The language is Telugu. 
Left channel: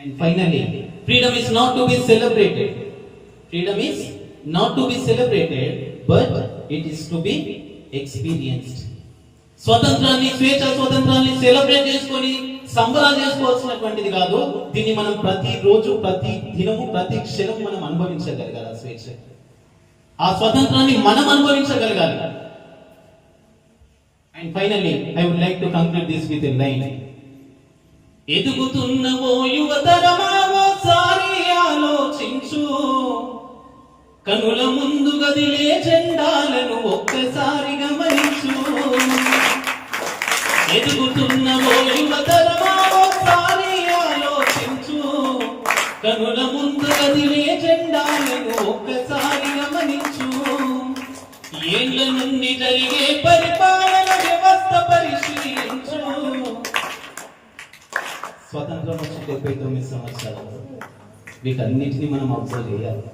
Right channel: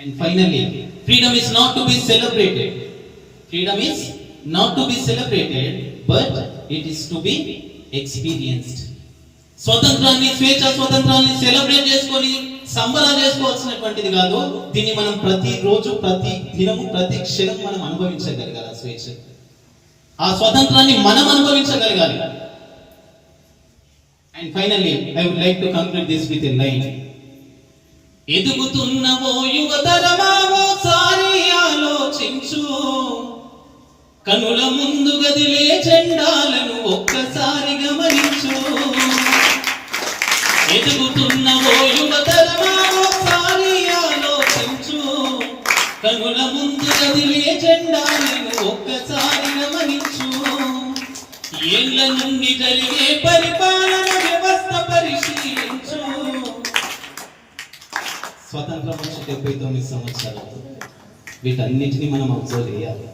And finally, freedom is not to be celebrated. Freedom is not to be celebrated, but it is to be experienced. స్వతంత్రాన్ని, స్వేచ్ఛాన్ని సెలబ్రేట్ చేసుకొని సంబరాలు చేసుకోవాల్సినటువంటిది కాదు. దీన్ని మనం ప్రతిరోజు, ప్రతి దినము, ప్రతి క్షణం మనం అనుభవించగలగాలి. ఆ స్వేచ్ఛ, ఆ స్వతంత్రాన్ని మనం అనుభవించగలగాలి. And finally, I would like to conclude this with a line. ఎదుగుతున్నవో యువతరమా ఓసారి ఆలోచించు, కనుల ముందు గదిలే జెండాలను ఒక్కసారి గమనించు. ఎదుగుతున్నవో యువతరమా ఓసారి ఆలోచించు, కనుల ముందు గదిలే జెండాలను ఒక్కసారి గమనించు. ఏళ్ల నుండి జరిగే పరిపాలన వ్యవస్థ పరిశీలించు. స్వతంత్రం వచ్చి 79 సంవత్సరాలు, వీటన్నిటిని మనం అబ్జర్వ్ చేయాలి.